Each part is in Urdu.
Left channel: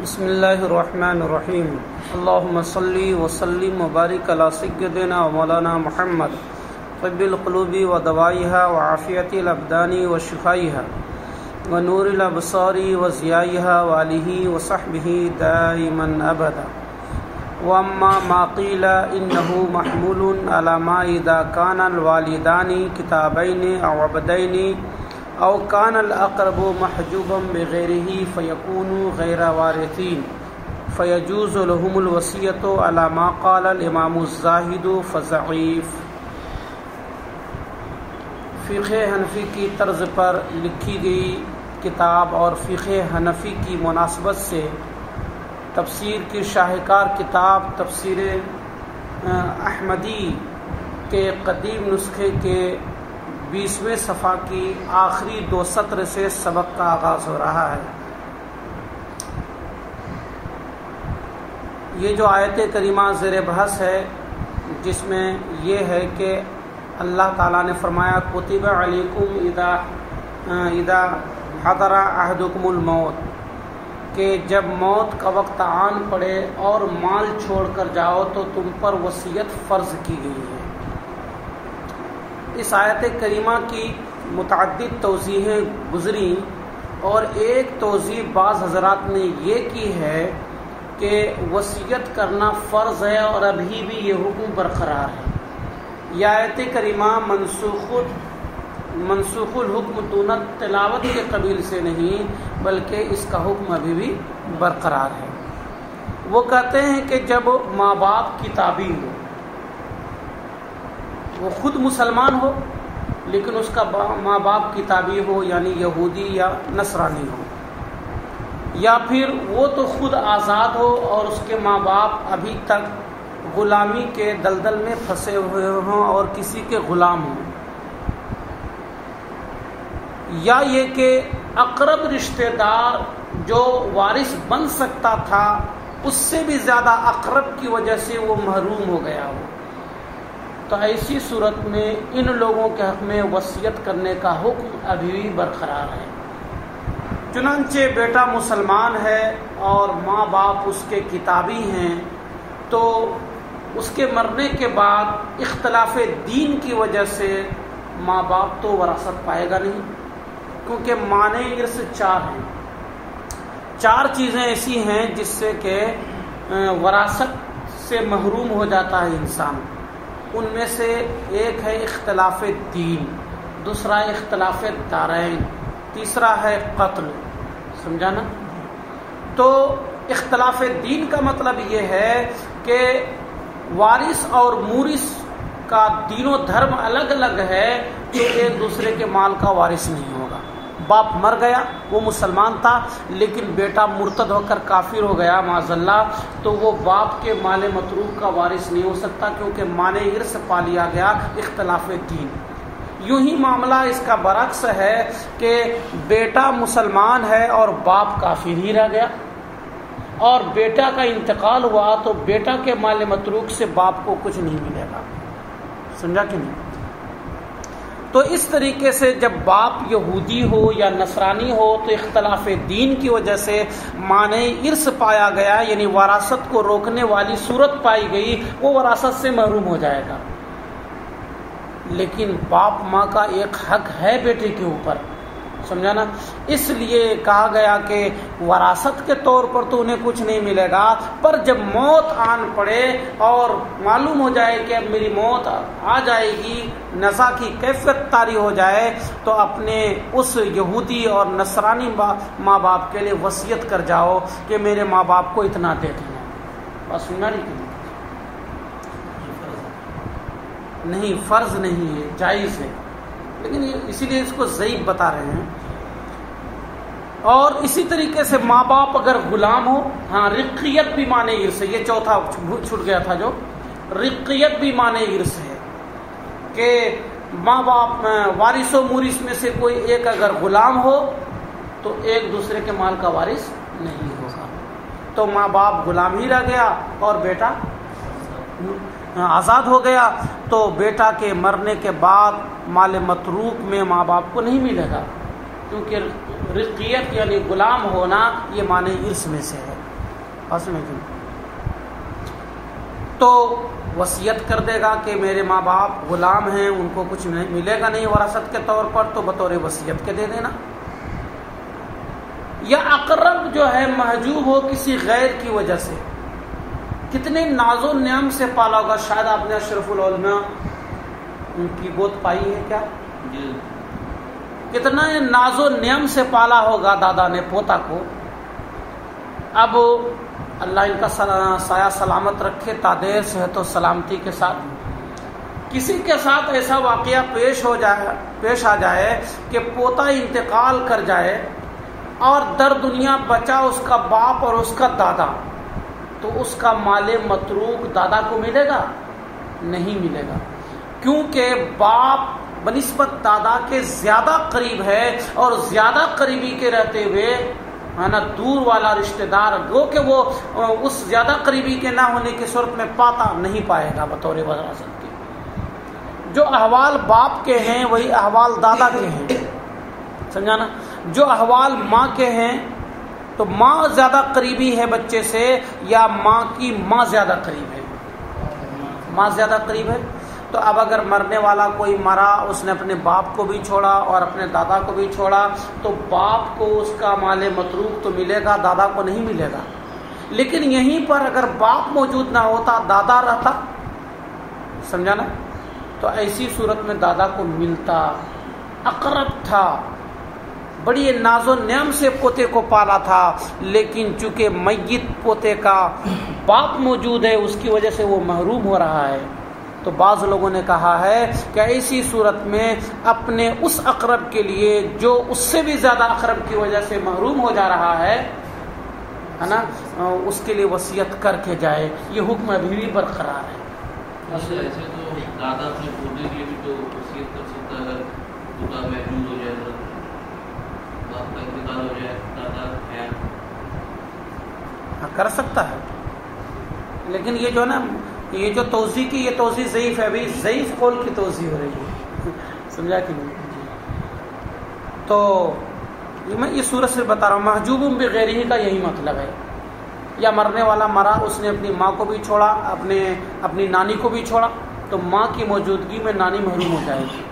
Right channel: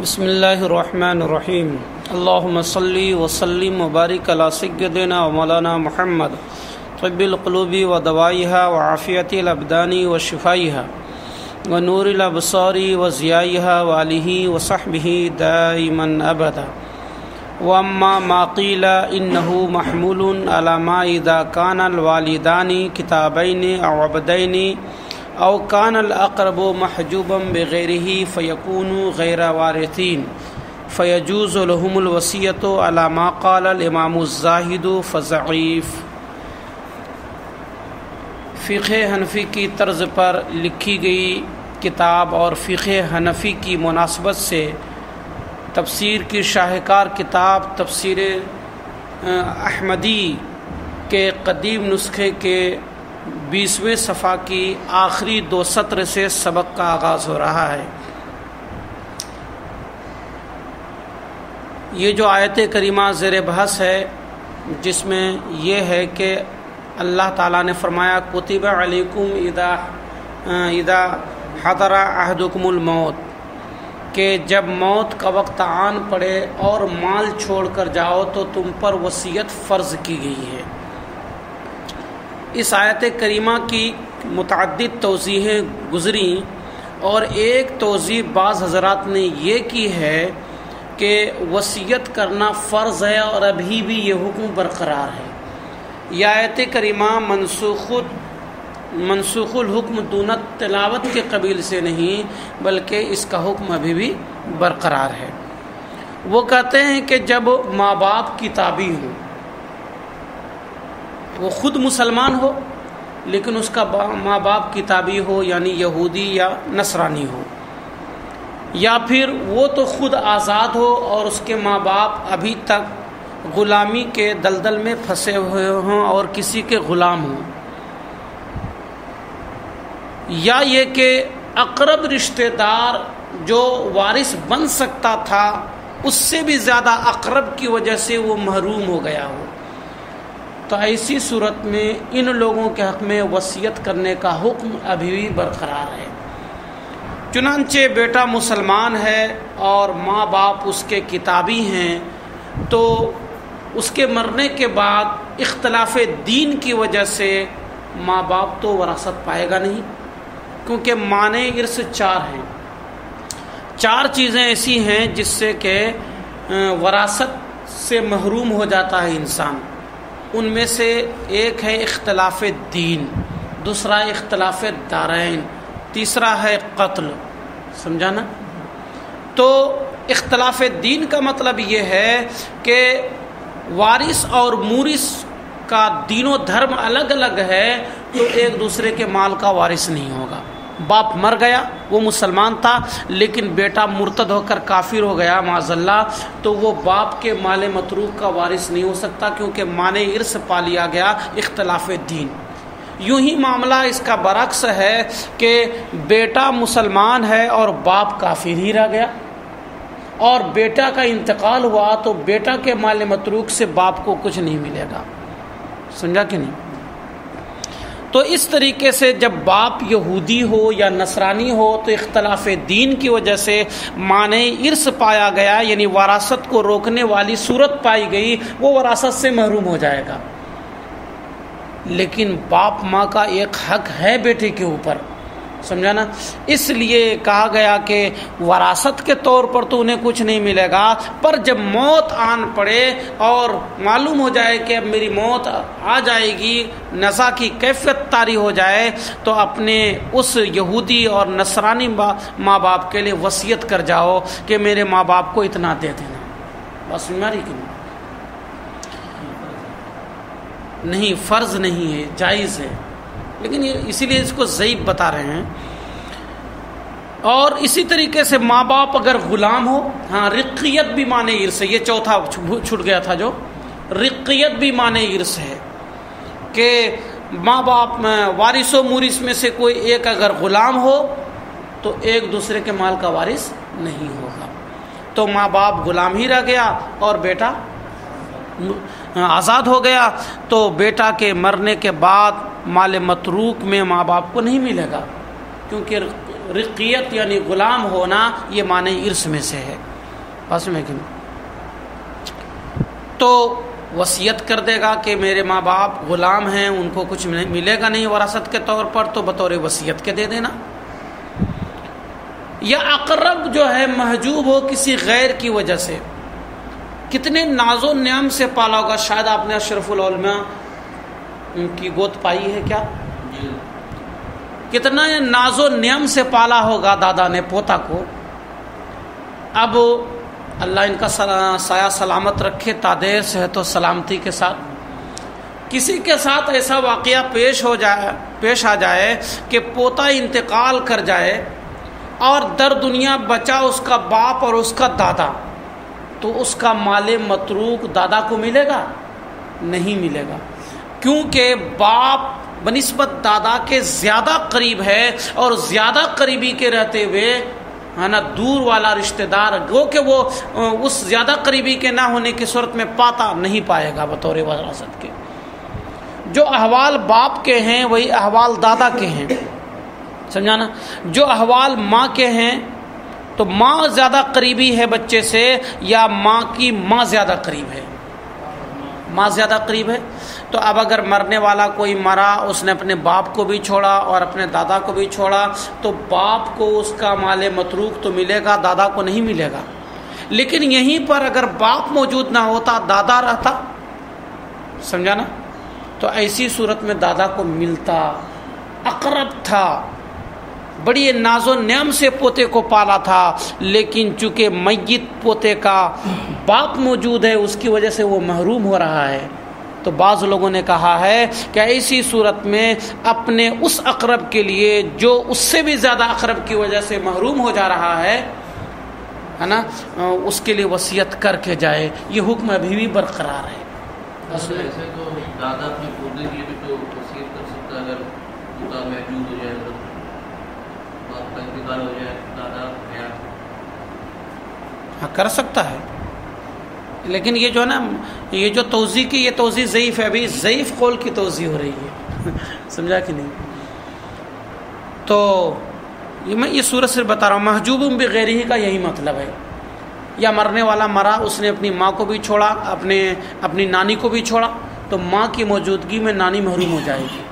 بسم اللہ الرحمن الرحیم اللہم صلی وسلم وبارک علی سیدنا و مولانا محمد طب القلوب و دوائها و عافیت الابدان و شفائها و نور الابصار و ضیائها و آلہ و صحبہ دائما ابدا واما ما قیل انه محمول علی ما اذا کان الوالدان کتابین او عبدین او کان الاقرب محجوبا بغیرہ فیکون غیر وارثین فیجوز لهم الوصیۃ علی ما قال الامام الزاہد فضعیف۔ فقہ حنفی کی طرز پر لکھی گئی کتاب اور فقہ حنفی کی مناسبت سے تفسیر کی شاہکار کتاب تفسیر احمدی کے قدیم نسخے کے 20ویں صفحہ کی آخری 2 سطر سے سبق کا آغاز ہو رہا ہے۔ یہ جو آیت کریمہ زیر بحث ہے، جس میں یہ ہے کہ اللہ تعالیٰ نے فرمایا کتب علیکم اذا حضر احدکم الموت، کہ جب موت کا وقت آن پڑے اور مال چھوڑ کر جاؤ تو تم پر وصیت فرض کی گئی ہے۔ اس آیت کریمہ کی متعدد توضیحیں گزریں اور ایک توضیح بعض حضرات نے یہ کی ہے کہ وصیت کرنا فرض ہے اور ابھی بھی یہ حکم برقرار ہے۔ یہ آیت کریمہ منسوخ الحکم دون تلاوت کے قبیل سے نہیں، بلکہ اس کا حکم ابھی بھی برقرار ہے۔ وہ کہتے ہیں کہ جب ماں باپ کتابی ہو، وہ خود مسلمان ہو لیکن اس کا ماں باپ کتابی ہو، یعنی یہودی یا نصرانی ہو، یا پھر وہ تو خود آزاد ہو اور اس کے ماں باپ ابھی تک غلامی کے دلدل میں پھنسے ہوئے ہوں اور کسی کے غلام ہوں، یا یہ کہ اقرب رشتہ دار جو وارث بن سکتا تھا اس سے بھی زیادہ اقرب کی وجہ سے وہ محروم ہو گیا ہو، تو ایسی صورت میں ان لوگوں کے حق میں وصیت کرنے کا حکم ابھی بھی برقرار ہے۔ چنانچہ بیٹا مسلمان ہے اور ماں باپ اس کے کتابی ہیں، تو اس کے مرنے کے بعد اختلاف دین کی وجہ سے ماں باپ تو وراثت پائے گا نہیں، کیونکہ مانع ارث 4 ہیں۔ 4 چیزیں ایسی ہیں جس سے کہ وراثت سے محروم ہو جاتا ہے انسان۔ ان میں سے ایک ہے اختلاف دین، دوسرا اختلاف دارین، تیسرا ہے قتل۔ سمجھا نا؟ تو اختلاف دین کا مطلب یہ ہے کہ وارث اور مورث کا دین و دھرم الگ الگ ہے، تو ایک دوسرے کے مال کا وارث نہیں ہوگا۔ باپ مر گیا، وہ مسلمان تھا لیکن بیٹا مرتد ہو کر کافر ہو گیا معاذ اللہ، تو وہ باپ کے مال متروک کا وارث نہیں ہو سکتا، کیونکہ مانع ارث پا لیا گیا اختلاف دین۔ یوں ہی معاملہ اس کا برعکس ہے کہ بیٹا مسلمان ہے اور باپ کافر ہی رہ گیا، اور بیٹا کا انتقال ہوا تو بیٹا کے مال متروک سے باپ کو کچھ نہیں ملے گا۔ سمجھا کہ نہیں؟ تو اس طریقے سے جب باپ یہودی ہو یا نصرانی ہو تو اختلاف دین کی وجہ سے مانع ارث پایا گیا، یعنی وراثت کو روکنے والی صورت پائی گئی، وہ وراثت سے محروم ہو جائے گا۔ لیکن باپ ماں کا ایک حق ہے بیٹے کے اوپر، سمجھا نا؟ اس لیے کہا گیا کہ وراثت کے طور پر تو انہیں کچھ نہیں ملے گا، پر جب موت آن پڑے اور معلوم ہو جائے کہ اب میری موت آ جائے گی، نزا کی کیفیت طاری ہو جائے، تو اپنے اس یہودی اور نصرانی ماں باپ کے لیے وصیت کر جاؤ کہ میرے ماں باپ کو اتنا دے دینا۔ بس سمجھا رہی کہ نہیں؟ فرض نہیں ہے، جائز ہے، لیکن اسی لیے اس کو ضعیف بتا رہے ہیں۔ اور اسی طریقے سے ماں باپ اگر غلام ہو، ہاں رقیت بھی معنی ارث ہے، یہ چوتھا چھوٹ گیا تھا، جو رقیت بھی معنی ارث ہے کہ ماں باپ وارث و مورث میں سے کوئی ایک اگر غلام ہو تو ایک دوسرے کے مال کا وارث نہیں ہوگا، تو ماں باپ غلام ہی رہ گیا اور بیٹا آزاد ہو گیا، تو بیٹا کے مرنے کے بعد مال متروک میں ماں باپ کو نہیں ملے گا، کیونکہ رقیت یعنی غلام ہونا یہ معنی ارث میں سے ہے. بس میں کیوں تو وصیت کر دے گا کہ میرے ماں باپ غلام ہیں، ان کو کچھ ملے گا نہیں وراثت کے طور پر، تو بطور وصیت کے دے دینا. یا اقرب جو ہے محجوب ہو کسی غیر کی وجہ سے، کتنے ناز و نعم سے پالا ہوگا. شاید آپ نے اشرف العلماء ان کی گود پائی ہے کیا؟ کتنا ناز و نعم سے پالا ہوگا دادا نے پوتا کو. اب اللہ ان کا سایہ سلامت رکھے، تادیر صحت و سلامتی کے ساتھ. کسی کے ساتھ ایسا واقعہ پیش آ جائے کہ پوتا انتقال کر جائے اور در دنیا بچا اس کا باپ اور اس کا دادا، تو اس کا مال متروک دادا کو ملے گا؟ نہیں ملے گا، کیونکہ باپ بنسبت دادا کے زیادہ قریب ہے، اور زیادہ قریبی کے رہتے ہوئے ہے نا دور والا رشتہ دار وہ کہ وہ اس زیادہ قریبی کے نہ ہونے کی صورت میں پاتا نہیں پائے گا بطور وراثت کے. جو احوال باپ کے ہیں وہی احوال دادا کے ہیں، سمجھا نا. جو احوال ماں کے ہیں تو ماں زیادہ قریبی ہے بچے سے، یا ماں کی ماں زیادہ قریب ہے؟ ماں زیادہ قریب ہے. تو اب اگر مرنے والا کوئی مرا، اس نے اپنے باپ کو بھی چھوڑا اور اپنے دادا کو بھی چھوڑا، تو باپ کو اس کا مال متروک تو ملے گا، دادا کو نہیں ملے گا. لیکن یہیں پر اگر باپ موجود نہ ہوتا، دادا رہتا، سمجھا نا، تو ایسی صورت میں دادا کو ملتا. اقرب تھا، بڑی ناز و نعم سے پوتے کو پالا تھا، لیکن چونکہ میت پوتے کا باپ موجود ہے اس کی وجہ سے وہ محروم ہو رہا ہے. تو بعض لوگوں نے کہا ہے کہ ایسی صورت میں اپنے اس اقرب کے لیے جو اس سے بھی زیادہ اقرب کی وجہ سے محروم ہو جا رہا ہے نا، اس کے لیے وصیت کر کے جائے. یہ حکم ابھی بھی برقرار ہے. ایسے تو دادا اپنے پوتے کے لیے بھی تو وصیت کر سکتا ہے، اگر پوتا محجوب ہو جائے، باپ کا انتقال ہو جائے، دادا کر سکتا ہے. لیکن یہ جو ہے نا، یہ جو توضیح کی یہ توضیح ضعیف ہے، ابھی ضعیف قول کی توضیح ہو رہی ہے. سمجھا کہ نہیں؟ تو میں یہ صورت صرف بتا رہا ہوں، محجوب بغیر ہی کا یہی مطلب ہے. یا مرنے والا مرا، اس نے اپنی ماں کو بھی چھوڑا، اپنی نانی کو بھی چھوڑا، تو ماں کی موجودگی میں نانی محروم ہو جائے گی.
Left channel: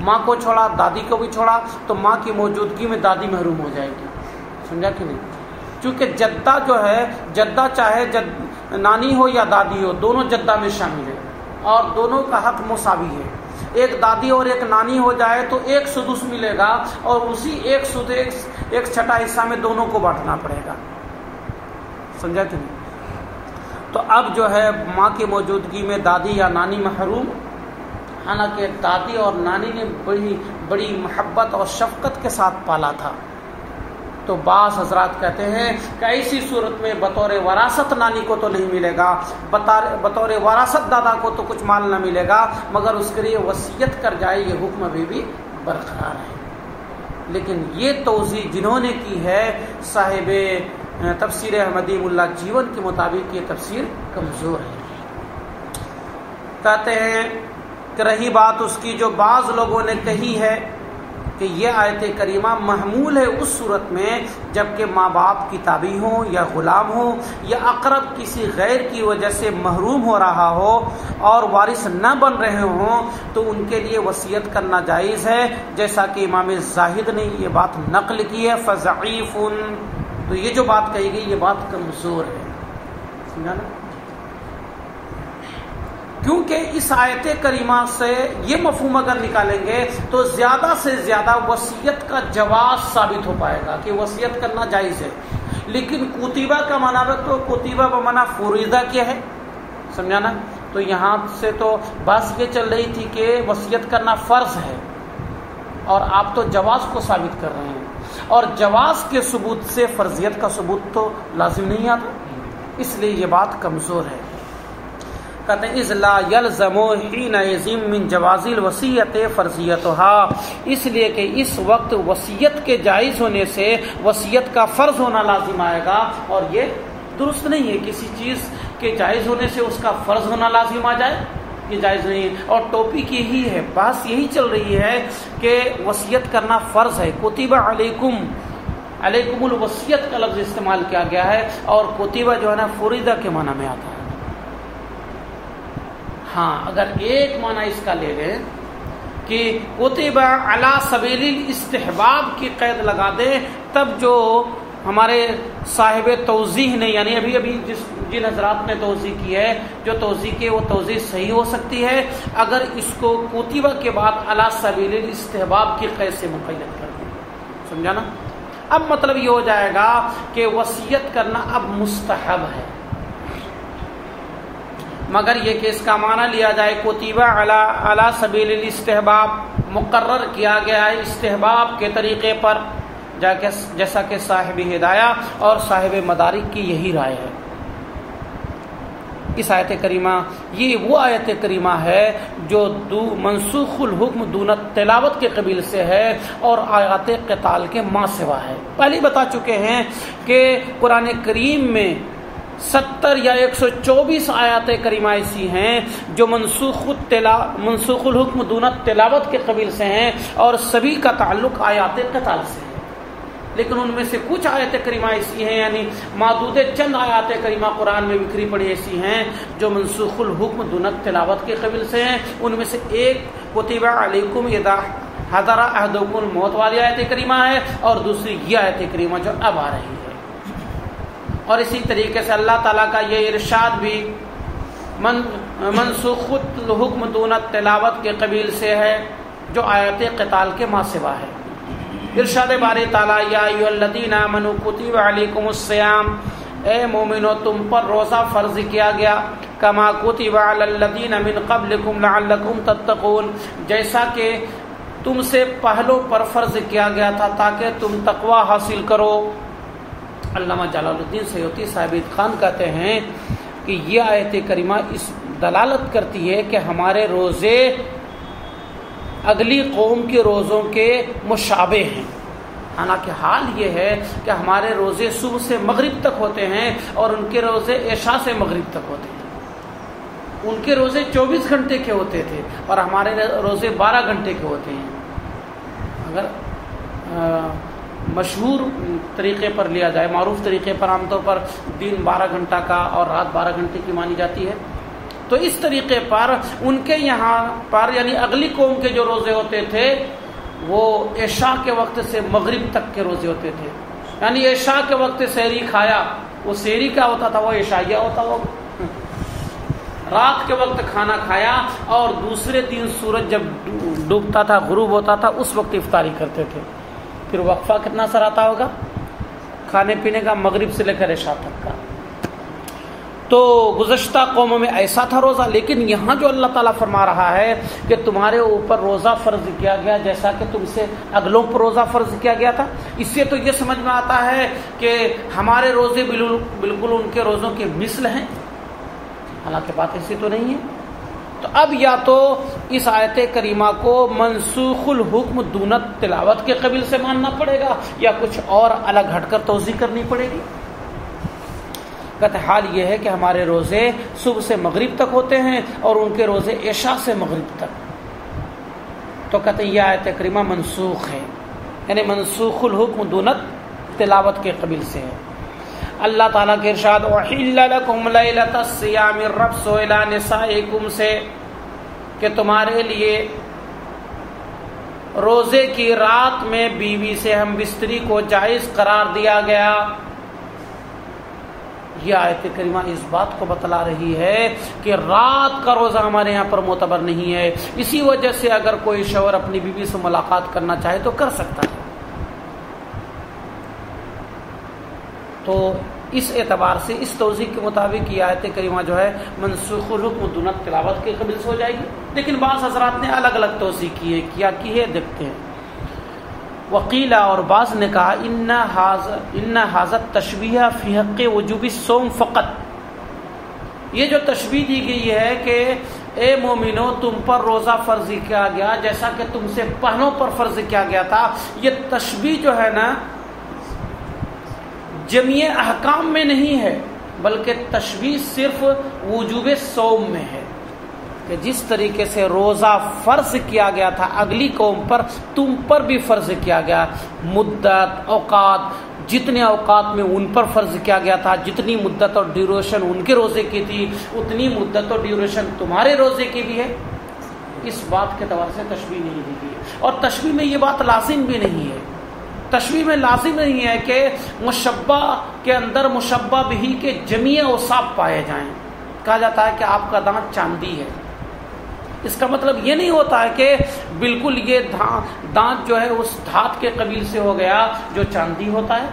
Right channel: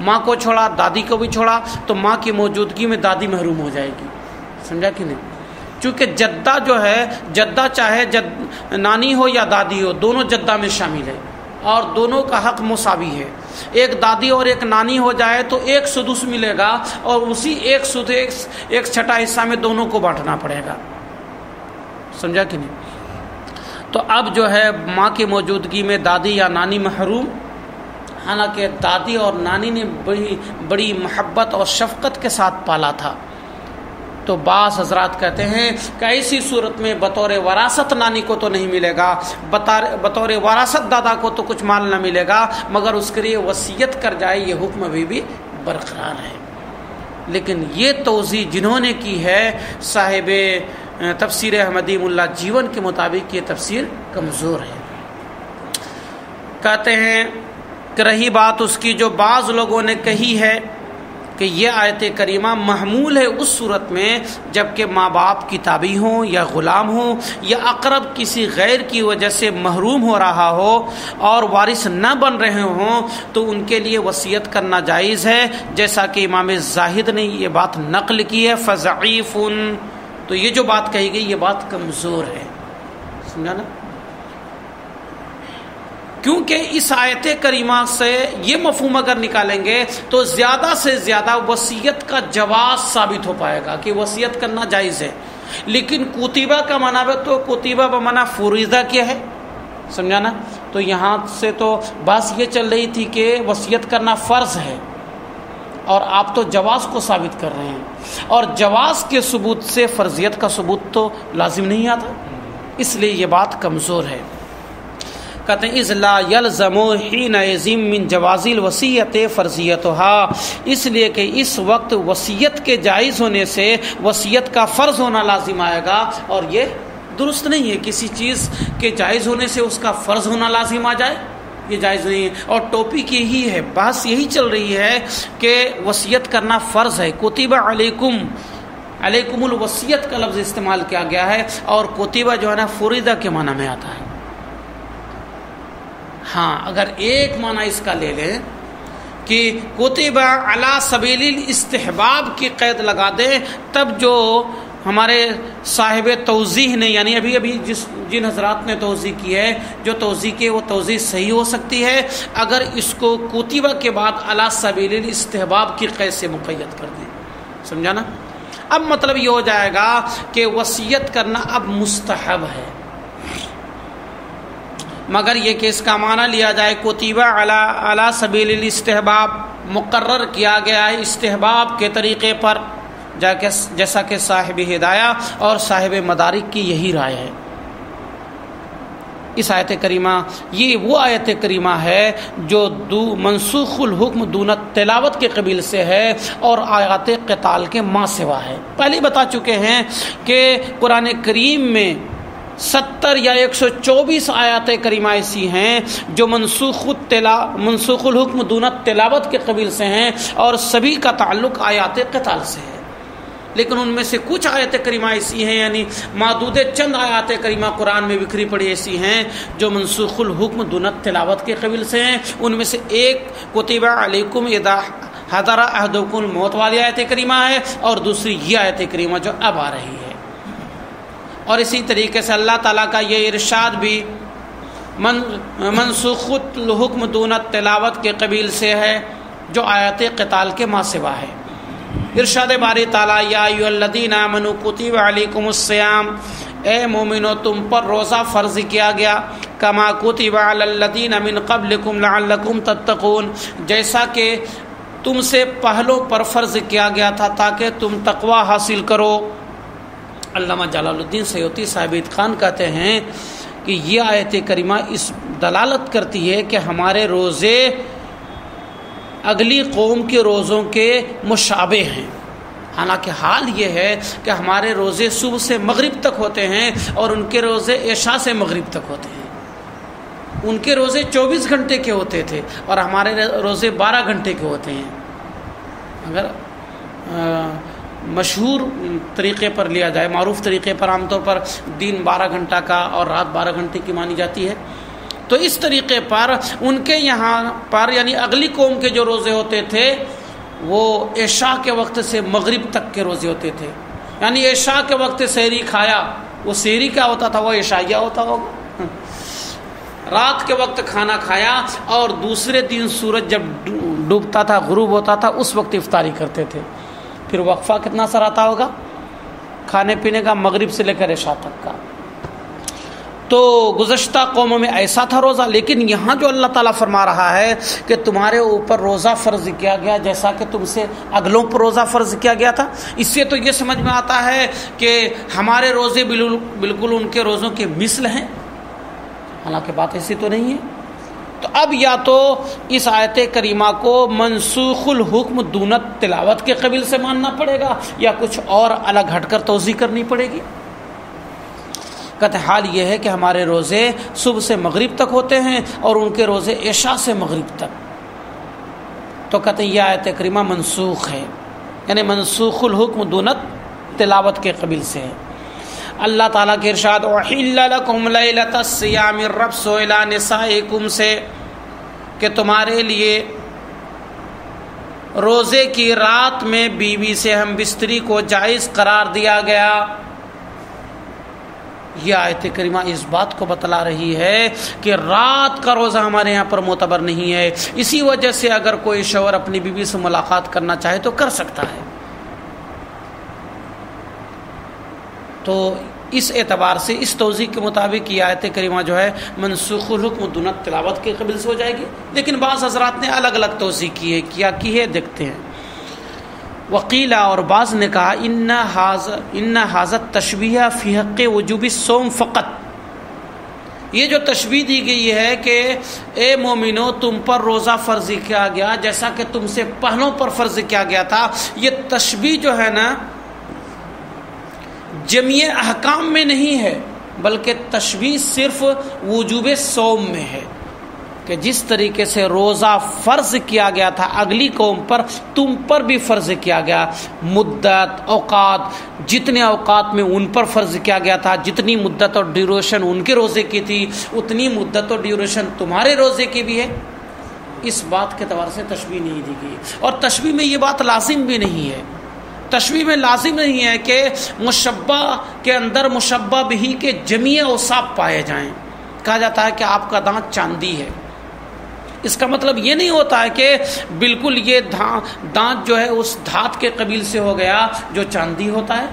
ماں کو چھوڑا، دادی کو بھی چھوڑا، تو ماں کی موجودگی میں دادی محروم ہو جائے گی. سمجھا کہ نہیں؟ چونکہ جدہ جو ہے، جدہ چاہے نانی ہو یا دادی ہو، دونوں جدہ میں شامل ہے اور دونوں کا حق مساوی ہے. ایک دادی اور ایک نانی ہو جائے تو ایک سدس ملے گا، اور اسی ایک چھٹا حصہ میں دونوں کو بانٹنا پڑے گا. سمجھا کہ نہیں؟ تو اب جو ہے ماں کی موجودگی میں دادی یا نانی محروم، حالانکہ دادی اور نانی نے بڑی محبت اور شفقت کے ساتھ پالا تھا. تو بعض حضرات کہتے ہیں کہ ایسی صورت میں بطور وراثت نانی کو تو نہیں ملے گا، بطور وراثت دادا کو تو کچھ مال نہ ملے گا، مگر اس کے لیے وصیت کر جائے. یہ حکم ابھی بھی برقرار ہے. لیکن یہ توضیح جنہوں نے کی ہے صاحب تفسیر احمدی ملا جیون کے مطابق یہ تفسیر کمزور ہے. کہتے ہیں کہ رہی بات اس کی جو بعض لوگوں نے کہی ہے کہ یہ آیت کریمہ محمول ہے اس صورت میں جبکہ ماں باپ کتابی ہوں یا غلام ہوں یا اقرب کسی غیر کی وجہ سے محروم ہو رہا ہو اور وارث نہ بن رہے ہوں، تو ان کے لیے وصیت کرنا جائز ہے، جیسا کہ امام زاہد نے یہ بات نقل کی ہے. فضعیف، تو یہ جو بات کہی گئی یہ بات کمزور ہے. سمجھا نا؟ کیونکہ اس آیت کریمہ سے یہ مفہوم اگر نکالیں گے تو زیادہ سے زیادہ وصیت کا جواز ثابت ہو پائے گا کہ وصیت کرنا جائز ہے. لیکن کتیبہ کا معنی تو کتیبہ بمعنی فریضہ کیا ہے، سمجھا نا؟ تو یہاں سے تو بات یہ چل رہی تھی کہ وصیت کرنا فرض ہے، اور آپ تو جواز کو ثابت کر رہے ہیں، اور جواز کے ثبوت سے فرضیت کا ثبوت تو لازم نہیں آتا، اس لیے یہ بات کمزور ہے. کہتے ہیں اذ لا یلزم حینئذ من جواز الوصیت فرضیتها، اس لیے کہ اس وقت وصیت کے جائز ہونے سے وصیت کا فرض ہونا لازم آئے گا، اور یہ درست نہیں ہے. کسی چیز کے جائز ہونے سے اس کا فرض ہونا لازم آ جائے، یہ جائز نہیں ہے. اور ٹاپک یہی ہے، بحث یہی چل رہی ہے کہ وصیت کرنا فرض ہے. کتب علیکم علیکم الوصیت کا لفظ استعمال کیا گیا ہے، اور کتبہ جو ہے نا فریدہ کے معنی میں آتا ہے۔ ہاں اگر ایک معنی اس کا لے لیں کہ کتبہ علی سبیل الاستحباب کی قید لگا دیں، تب جو ہمارے صاحب توضیح نے، یعنی ابھی جن حضرات نے توضیح کی ہے، جو توضیح کی وہ توضیح صحیح ہو سکتی ہے اگر اس کو کتبہ کے بعد علی سبیل الاستحباب کی قید سے مقید کر دیں۔ سمجھا نا؟ اب مطلب یہ ہو جائے گا کہ وصیت کرنا اب مستحب ہے، مگر یہ کہ اس کا معنی لیا جائے کتبہ علی سبیل الاستحباب، مقرر کیا گیا ہے استحباب کے طریقے پر، جیسا کہ صاحب ہدایہ اور صاحب مدارک کی یہی رائے ہے۔ اس آیت کریمہ، یہ وہ آیت کریمہ ہے جو منسوخ الحکم دون تلاوت کے قبیل سے ہے اور آیات قتال کے ما سوا ہے۔ پہلے بتا چکے ہیں کہ قرآن کریم میں 70 یا 124 آیات کریمہ ایسی ہیں جو منسوخ الحکم دون تلاوت کے قبیل سے ہیں اور سبھی کا تعلق آیات قتال سے ہے، لیکن ان میں سے کچھ آیات کریمہ ایسی ہیں، یعنی معدود چند آیات کریمہ قرآن میں بکھری پڑی ایسی ہیں جو منسوخ الحکم دون تلاوت کے قبیل سے ہیں۔ ان میں سے ایک کتبہ علیکم اذا حضر احدکم الموت والی آیت کریمہ ہے، اور دوسری یہ آیت کریمہ جو اب آ رہی ہے۔ اور اسی طریقے سے اللہ تعالیٰ کا یہ ارشاد بھی منسوخ الحکم دون تلاوت کے قبیل سے ہے جو آیات قتال کے ما سوا ہے۔ ارشاد باری تعالیٰ یا ایھا الذین آمنوا کتب علیکم الصیام، اے مومنو تم پر روزہ فرض کیا گیا، کما کتب علی الذین من قبلکم لعلکم تتقون، جیسا کہ تم سے پہلوں پر فرض کیا گیا تھا تاکہ تم تقوی حاصل کرو۔ علامہ جلال الدین سیوطی صاحب اتقان کہتے ہیں کہ یہ آیت کریمہ اس دلالت کرتی ہے کہ ہمارے روزے اگلی قوم کے روزوں کے مشابہ ہیں، حالانکہ حال یہ ہے کہ ہمارے روزے صبح سے مغرب تک ہوتے ہیں اور ان کے روزے عشاء سے مغرب تک ہوتے ہیں۔ ان کے روزے 24 گھنٹے کے ہوتے تھے اور ہمارے روزے 12 گھنٹے کے ہوتے ہیں۔ اگر مشہور طریقے پر لیا جائے، معروف طریقے پر عام طور پر دن 12 گھنٹہ کا اور رات 12 گھنٹے کی مانی جاتی ہے، تو اس طریقے پر ان کے یہاں پر یعنی اگلی قوم کے جو روزے ہوتے تھے وہ عشاء کے وقت سے مغرب تک کے روزے ہوتے تھے، یعنی عشاء کے وقت سحری کھایا، وہ سحری کیا ہوتا تھا، وہ عشائیہ ہوتا تھا۔ رات کے وقت کھانا کھایا اور دوسرے دن سورج جب ڈوبتا تھا، غروب ہوتا تھا، اس وقت افطاری کرتے تھے۔ پھر وقفہ کتنا سر آتا ہوگا کھانے پینے کا، مغرب سے لے کر عشاء تک کا۔ تو گزشتہ قوموں میں ایسا تھا روزہ، لیکن یہاں جو اللہ تعالیٰ فرما رہا ہے کہ تمہارے اوپر روزہ فرض کیا گیا جیسا کہ تم سے اگلوں پر روزہ فرض کیا گیا تھا، اس سے تو یہ سمجھ میں آتا ہے کہ ہمارے روزے بالکل ان کے روزوں کے مثل ہیں، حالانکہ بات ایسی تو نہیں ہے۔ تو اب یا تو اس آیت کریمہ کو منسوخ الحکم دون تلاوت کے قبیل سے ماننا پڑے گا یا کچھ اور الگ ہٹ کر توضیح کرنی پڑے گی۔ کہتے حال یہ ہے کہ ہمارے روزے صبح سے مغرب تک ہوتے ہیں اور ان کے روزے عشاء سے مغرب تک، تو کہتے ہیں یہ آیت کریمہ منسوخ ہے، یعنی منسوخ الحکم دون تلاوت کے قبیل سے ہے۔ اللہ تعالیٰ کے ارشاد احل لکم لیلۃ الصیام الرفث الی نسائکم سے، کہ تمہارے لیے روزے کی رات میں بیوی سے ہم بستری کو جائز قرار دیا گیا۔ یہ آیت کریمہ اس بات کو بتلا رہی ہے کہ رات کا روزہ ہمارے یہاں پر معتبر نہیں ہے، اسی وجہ سے اگر کوئی شوہر اپنی بیوی سے ملاقات کرنا چاہے تو کر سکتا ہے۔ تو اس اعتبار سے اس توضیح کے مطابق یہ آیت کریمہ جو ہے منسوخ الحکم دون تلاوت کے قبیل سے ہو جائے گی، لیکن بعض حضرات نے الگ الگ توضیح کی ہے، کیا کی ہے دیکھتے ہیں۔ وقیلہ، اور بعض نے کہا ان حاضت تشبیہ فی حق وجوب الصوم فقط، یہ جو تشبیہ دی گئی ہے کہ اے مومنو تم پر روزہ فرض کیا گیا جیسا کہ تم سے پہلوں پر فرض کیا گیا تھا، یہ تشبیہ جو ہے نا جمیع احکام میں نہیں ہے، بلکہ تشبیہ صرف وجوب صوم میں ہے، کہ جس طریقے سے روزہ فرض کیا گیا تھا اگلی قوم پر، تم پر بھی فرض کیا گیا. مدت، اوقات، جتنے اوقات میں ان پر فرض کیا گیا تھا، جتنی مدت اور ڈیوریشن ان کے روزے کی تھی، اتنی مدت اور ڈیوریشن تمہارے روزے کی بھی ہے. اس بات کے اعتبار سے تشبیہ نہیں دی گئی. اور تشبیہ میں یہ بات لازم بھی نہیں ہے. تشبیہ میں لازم نہیں ہے کہ مشبہ کے اندر مشبہ بہی کے جمیع اوصاف پائے جائیں. کہا جاتا ہے کہ آپ کا دانت چاندی ہے، اس کا مطلب یہ نہیں ہوتا ہے کہ بالکل یہ دانت جو ہے اس دھات کے قبیل سے ہو گیا جو چاندی ہوتا ہے.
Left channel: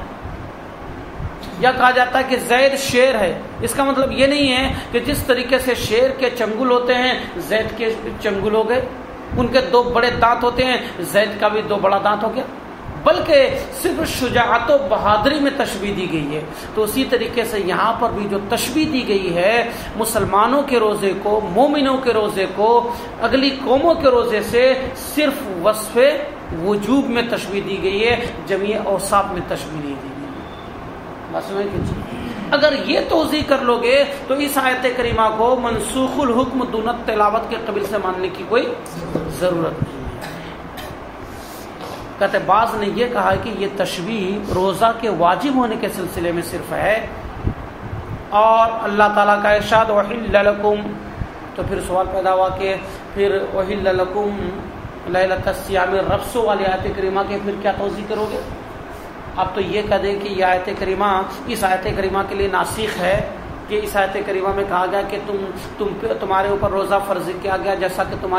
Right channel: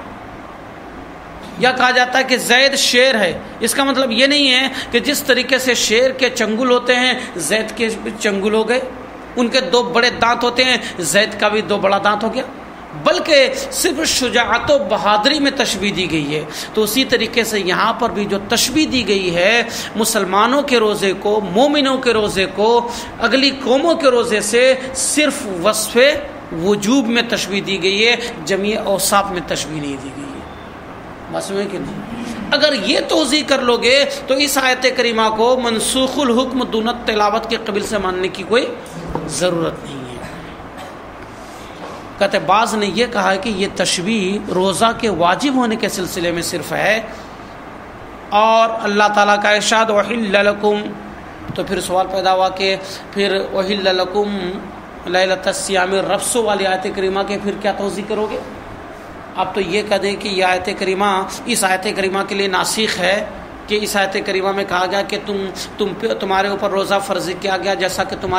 یا کہا جاتا ہے کہ زید شیر ہے، اس کا مطلب یہ نہیں ہے کہ جس طریقے سے شیر کے چنگل ہوتے ہیں زید کے چنگل ہو گئے، ان کے 2 بڑے دانت ہوتے ہیں زید کا بھی 2 بڑا دانت ہو گیا، بلکہ صرف شجاعت و بہادری میں تشبیہ دی گئی ہے. تو اسی طریقے سے یہاں پر بھی جو تشبیہ دی گئی ہے مسلمانوں کے روزے کو، مومنوں کے روزے کو اگلی قوموں کے روزے سے صرف وصف وجوب میں تشبیہ دی گئی ہے، جمیع اوصاف میں تشبیہ نہیں دی گئی ہے. بس میں کہ اگر یہ توضیح کر لو گے تو اس آیت کریمہ کو منسوخ الحکم دون تلاوت کے قبیل سے ماننے کی کوئی ضرورت نہیں ہے. کہتے بعض نے یہ کہا کہ یہ تشبیہ روزہ کے واجب ہونے کے سلسلے میں صرف ہے، اور اللہ تعالیٰ کا ارشاد احل لکم، تو پھر سوال پیدا ہوا کہ پھر احل لکم لیلۃ الصیام الرفث والی آیت کریمہ کے پھر کیا توضیح کرو گے؟ اب تو یہ کہہ دیں کہ یہ آیت کریمہ اس آیت کریمہ کے لیے ناسخ ہے، کہ اس آیت کریمہ میں کہا گیا کہ تمہارے اوپر روزہ فرض کیا گیا جیسا کہ تم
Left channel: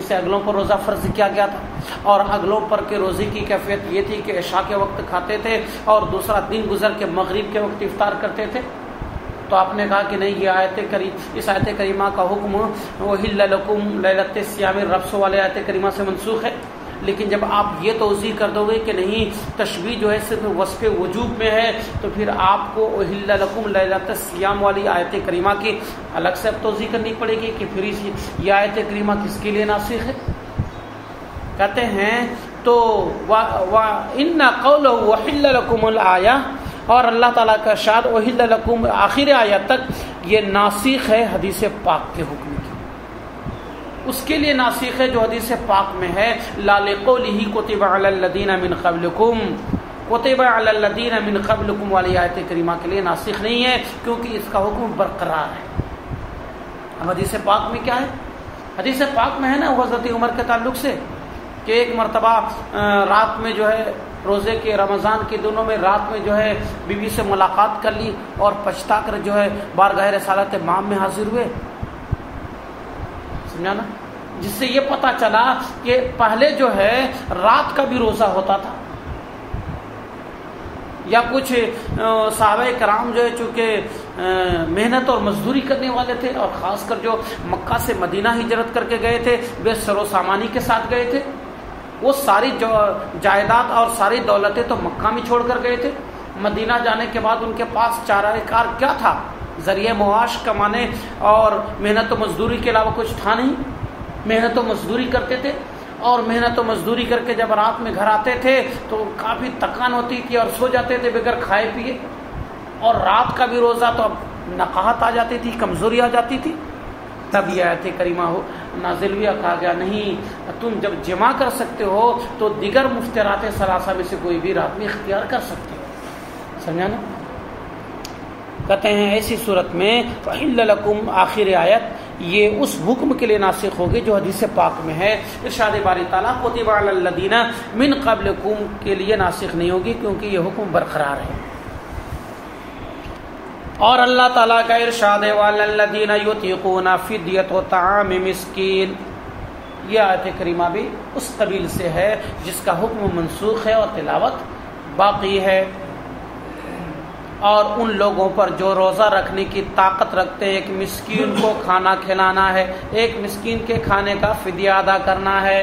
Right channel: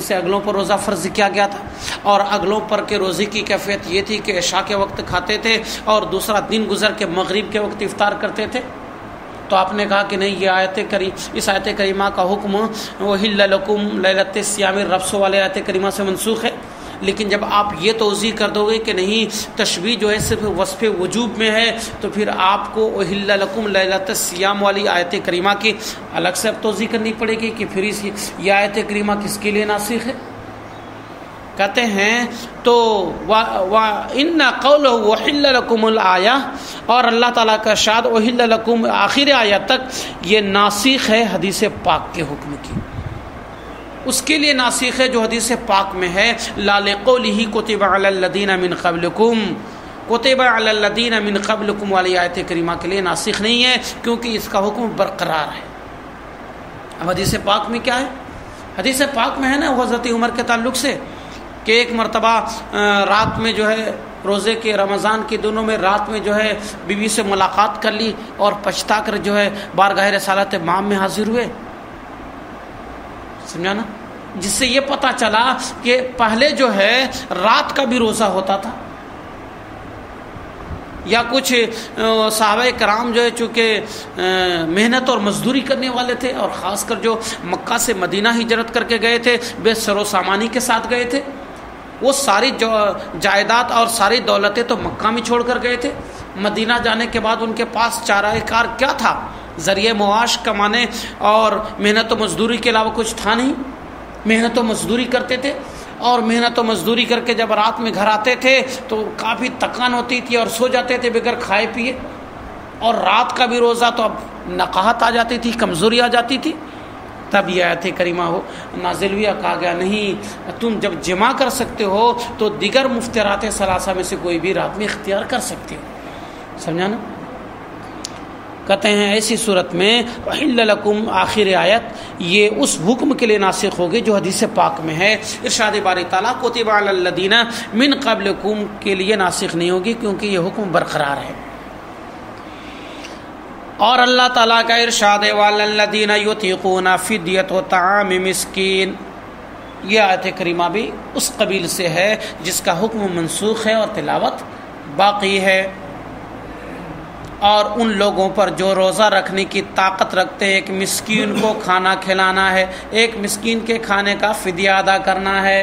سے اگلوں پر روزہ فرض کیا گیا تھا، اور اگلوں پر کے روزے کی کیفیت یہ تھی کہ عشاء کے وقت کھاتے تھے اور دوسرا دن گزر کے مغرب کے وقت افطار کرتے تھے. تو آپ نے کہا کہ نہیں، یہ اس آیت کریمہ کا حکم احل لکم لیلۃ الصیام الرفث والے آیت کریمہ سے منسوخ ہے. لیکن جب آپ یہ توضیح کر دو گے کہ نہیں تشبیہ جو ہے صرف وصف وجوب میں ہے، تو پھر آپ کو احل لکم لیلۃ الصیام والی آیت کریمہ کی الگ سے اب توضیح کرنی پڑے گی کہ پھر یہ آیت کریمہ کس کے لیے ناسخ ہے. کہتے ہیں تو وَإِنَّ قَوْلَهُ وَحِلَّ لَكُمُ الْآيَةِ، اور اللہ تعالیٰ کا ارشاد وَحِلَّ لَكُمْ آخر آیت تک یہ ناسخ ہے حدیث پاک کے حکم کی. اس کے لیے ناسخ ہے جو حدیث پاک میں ہے لا لقولہ کتب علی الذین من قبلکم، کتب علی الذین من قبلکم والی آیت کریمہ کے لیے ناسخ نہیں ہے، کیونکہ اس کا حکم برقرار ہے. اب حدیث پاک میں کیا ہے؟ حدیث پاک میں ہے نا حضرت عمر کے تعلق سے کہ ایک مرتبہ رات میں جو ہے روزے کے رمضان کے دنوں میں رات میں جو ہے بیوی سے ملاقات کر لی اور پچھتا کر جو ہے بارگاہ رسالت مام میں حاضر ہوئے. سمجھا نا؟ جس سے یہ پتہ چلا کہ پہلے جو ہے رات کا بھی روزہ ہوتا تھا، یا کچھ صحابہ کرام جو ہے چونکہ محنت اور مزدوری کرنے والے تھے، اور خاص کر جو مکہ سے مدینہ ہجرت کر کے گئے تھے بے سر و سامانی کے ساتھ گئے تھے، وہ ساری جائیداد اور ساری دولتیں تو مکہ میں چھوڑ کر گئے تھے. مدینہ جانے کے بعد ان کے پاس چارہ کار کیا تھا؟ ذریعہ معاش کمانے اور محنت و مزدوری کے علاوہ کچھ تھا نہیں. محنت و مزدوری کرتے تھے، اور محنت و مزدوری کر کے جب رات میں گھر آتے تھے تو کافی تکان ہوتی تھی اور سو جاتے تھے بغیر کھائے پیے، اور رات کا بھی روزہ تو اب نقاہت آ جاتی تھی، کمزوری آ جاتی تھی. تب یہ آیت کریمہ نازل ہوئی، کہا گیا نہیں، تم جب جمع کر سکتے ہو تو دیگر مفطرات ثلاثہ میں سے کوئی بھی رات میں اختیار کر سکتے ہو. سمجھا نا؟ کہتے ہیں ایسی صورت میں وَحِلَّ لَكُمْ آخر آیت یہ اس حکم کے لیے ناسخ ہوگی جو حدیث پاک میں ہے. ارشاد باری تعالیٰ کتب علی الذین من قبلکم کے لیے ناسخ نہیں ہوگی، کیونکہ یہ حکم برقرار ہے. اور اللہ تعالیٰ کا ارشاد ہے وَعَلَى الَّذِينَ يُطِيقُونَ فِدْيَةُ طَعَامِ مِسْكِينٍ، یہ آیت کریمہ بھی اس قبیل سے ہے جس کا حکم منسوخ ہے اور تلاوت باقی ہے. اور ان لوگوں پر جو روزہ رکھنے کی طاقت رکھتے ہیں، ایک مسکین کو کھانا کھلانا ہے، ایک مسکین کے کھانے کا فدیہ ادا کرنا ہے.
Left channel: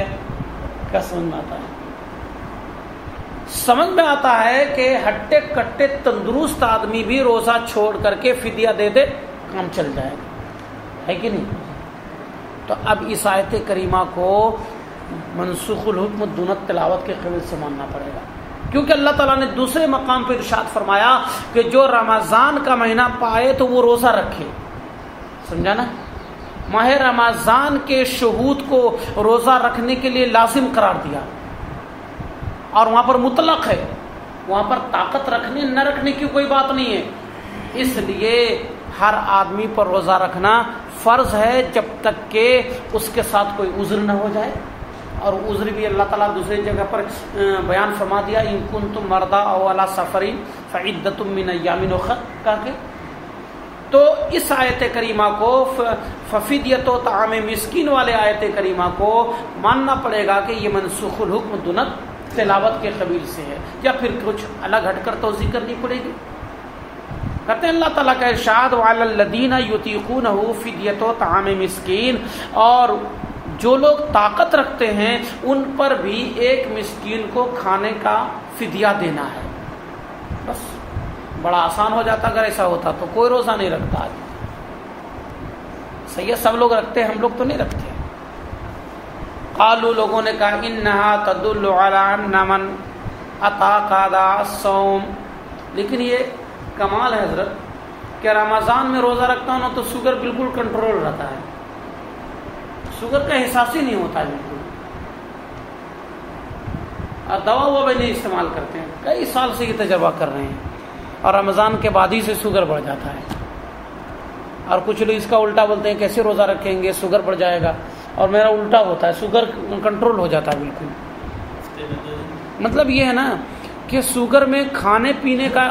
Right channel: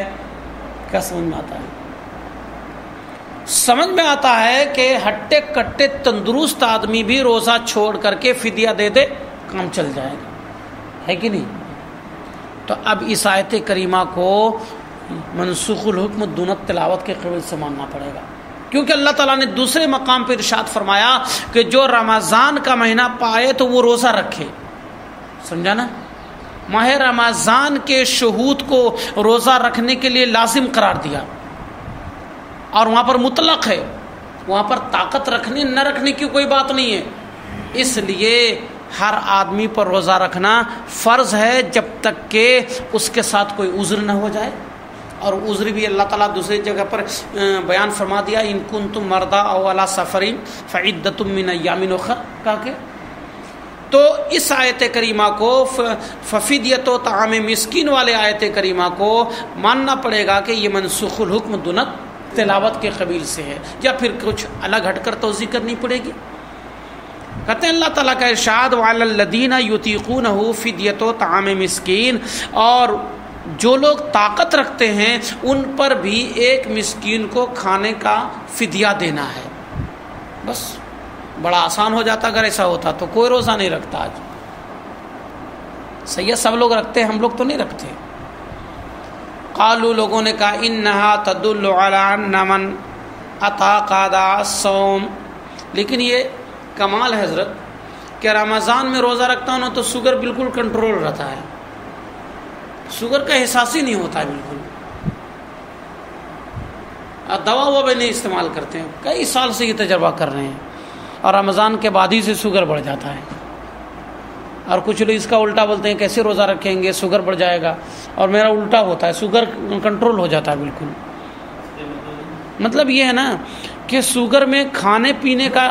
کیا سمجھ میں آتا ہے؟ سمجھ میں آتا ہے کہ ہٹے کٹے تندرست آدمی بھی روزہ چھوڑ کر کے فدیہ دے دے، کام چل جائے گا، ہے کہ نہیں؟ تو اب اس آیت کریمہ کو منسوخ الحکم دون تلاوت کے قبل سے ماننا پڑے گا، کیونکہ اللہ تعالیٰ نے دوسرے مقام پر ارشاد فرمایا کہ جو رمضان کا مہینہ پائے تو وہ روزہ رکھے. سمجھا نا؟ ماہ رمضان کے شہود کو روزہ رکھنے کے لیے لازم قرار دیا، اور وہاں پر مطلق ہے، وہاں پر طاقت رکھنے نہ رکھنے کی کوئی بات نہیں ہے، اس لیے ہر آدمی پر روزہ رکھنا فرض ہے جب تک کہ اس کے ساتھ کوئی عذر نہ ہو جائے. اور عذر بھی اللہ تعالیٰ دوسری جگہ پر بیان فرما دیا، ان کنتم مرضی او علی سفر فعدۃ من ایام اخر کہا کہ. تو اس آیت کریمہ کو ففدیۃ و طعام مسکین والے آیت کریمہ کو ماننا پڑے گا کہ یہ منسوخ الحکم دون تلاوت کے قبیل سے ہے، یا پھر کچھ الگ ہٹ کر توضیح کرنی پڑے گی. کہتے ہیں اللہ تعالیٰ کا ارشاد وعلی الذین یطیقونہ فدیۃ و طعام مسکین، اور جو لوگ طاقت رکھتے ہیں ان پر بھی ایک مسکین کو کھانے کا فدیہ دینا ہے. بس بڑا آسان ہو جاتا اگر ایسا ہوتا تو کوئی روزہ نہیں رکھتا. آج صحیح ہے، سب لوگ رکھتے ہیں، ہم لوگ تو نہیں رکھتے. قالوا لوگوں نے کہا انہا تدل علی ان من اطاق الصوم، لیکن یہ کمال ہے حضرت کہ رمضان میں روزہ رکھتا ہوں تو شوگر بالکل کنٹرول رہتا ہے، شوگر کا احساس ہی نہیں ہوتا ہے بالکل، اور دوا وہ بھی نہیں استعمال کرتے ہیں. کئی سال سے یہ تجربہ کر رہے ہیں، اور رمضان کے بعد ہی سے شوگر بڑھ جاتا ہے. اور کچھ لوگ اس کا الٹا بولتے ہیں کیسے روزہ رکھیں گے شوگر بڑھ جائے گا، اور میرا الٹا ہوتا ہے، شوگر کنٹرول ہو جاتا ہے بالکل. مطلب یہ ہے نا کہ شوگر میں کھانے پینے کا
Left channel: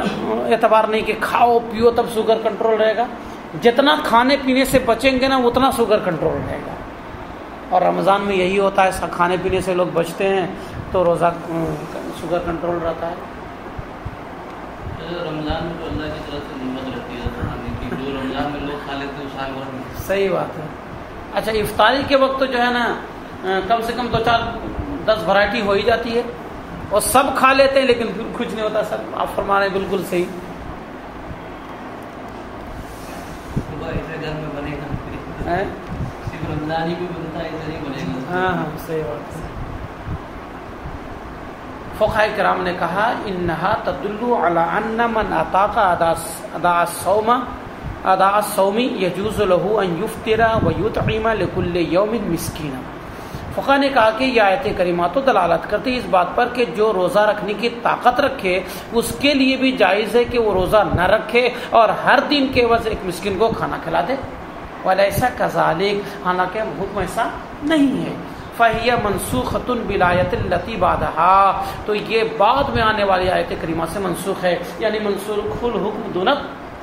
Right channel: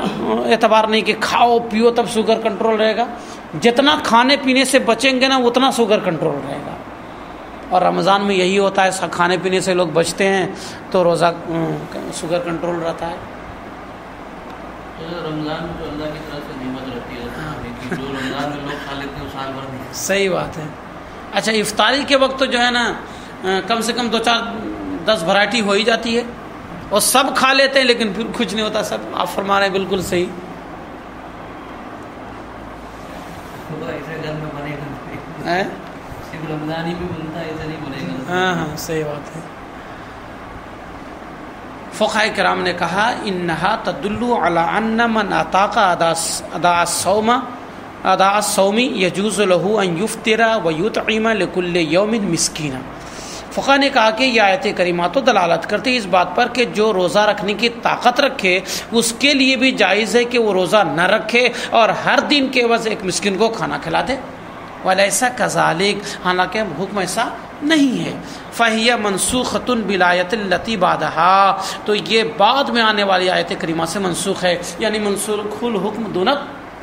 اعتبار نہیں کہ کھاؤ پیو تب شوگر کنٹرول رہے گا، جتنا کھانے پینے سے بچیں گے نا اتنا شوگر کنٹرول رہے گا. اور رمضان میں یہی ہوتا ہے، کھانے پینے سے لوگ بچتے ہیں تو روزہ شوگر کنٹرول رہتا ہے. رمضان میں تو اللہ کی طرف سے نعمت رہتی ہے، جو رمضان میں لوگ کھا لیتے ہیں سال بھر میں. صحیح بات ہے. اچھا افطاری کے وقت جو ہے نا کم سے کم 2-4-10 ورائٹی ہو ہی جاتی ہے، اور سب کھا لیتے ہیں لیکن پھر کچھ نہیں ہوتا. سب آپ فرما رہے ہیں بالکل صحیح. ایسے گھر میں بنے گا، صرف رمضان ہی میں بنتا ہے، ایسا نہیں بنے گا. ہاں صحیح بات ہے. فقہاء کرام نے کہا انہا تدل علی ان من اطاق اداء الصوم یجوز له ان یفطر ویطعم لكل یوم مسکینا. فقہاء نے کہا کہ یہ آیت کریمہ تو دلالت کرتی ہے اس بات پر کہ جو روزہ رکھنے کی طاقت رکھے اس کے لیے بھی جائز ہے کہ وہ روزہ نہ رکھے اور ہر دن کے عوض ایک مسکین کو کھانا کھلا دے. ولیسا کذالک، حالانکہ حکم ایسا نہیں ہے. فہی منسوخۃ بالآیۃ التی بعدہا، تو یہ بعد میں آنے والی آیت کریمہ سے منسوخ ہے، یعنی منسوخ الحکم دون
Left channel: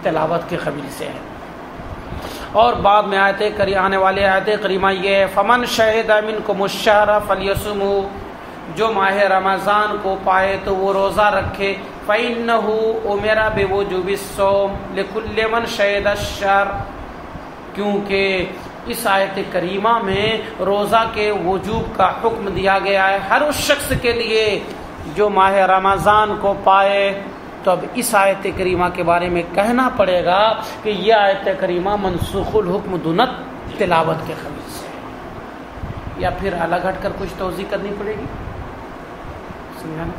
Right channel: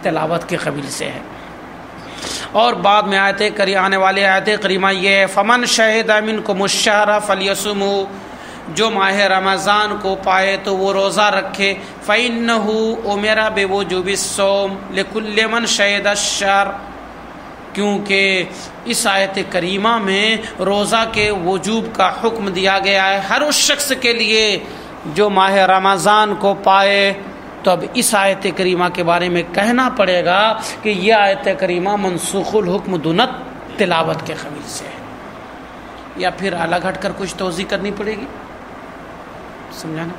تلاوت کے قبیل سے ہے. اور بعد میں آنے والی آیت کریمہ یہ ہے فمن شہد منکم الشہر فلیصمہ، جو ماہ رمضان کو پائے تو وہ روزہ رکھے. فإنہ امر بوجوب الصوم لکل من شہد الشہر، کیونکہ اس آیت کریمہ میں روزہ کے وجوب کا حکم دیا گیا ہے ہر اس شخص کے لیے جو ماہ رمضان کو پائے. تو اب اس آیت کریمہ کے بارے میں کہنا پڑے گا کہ یہ آیت کریمہ منسوخ الحکم دون تلاوت کے قبیل سے ہے، یا پھر الگ ہٹ کر کچھ توضیح کرنی پڑے گی. سمجھا نا؟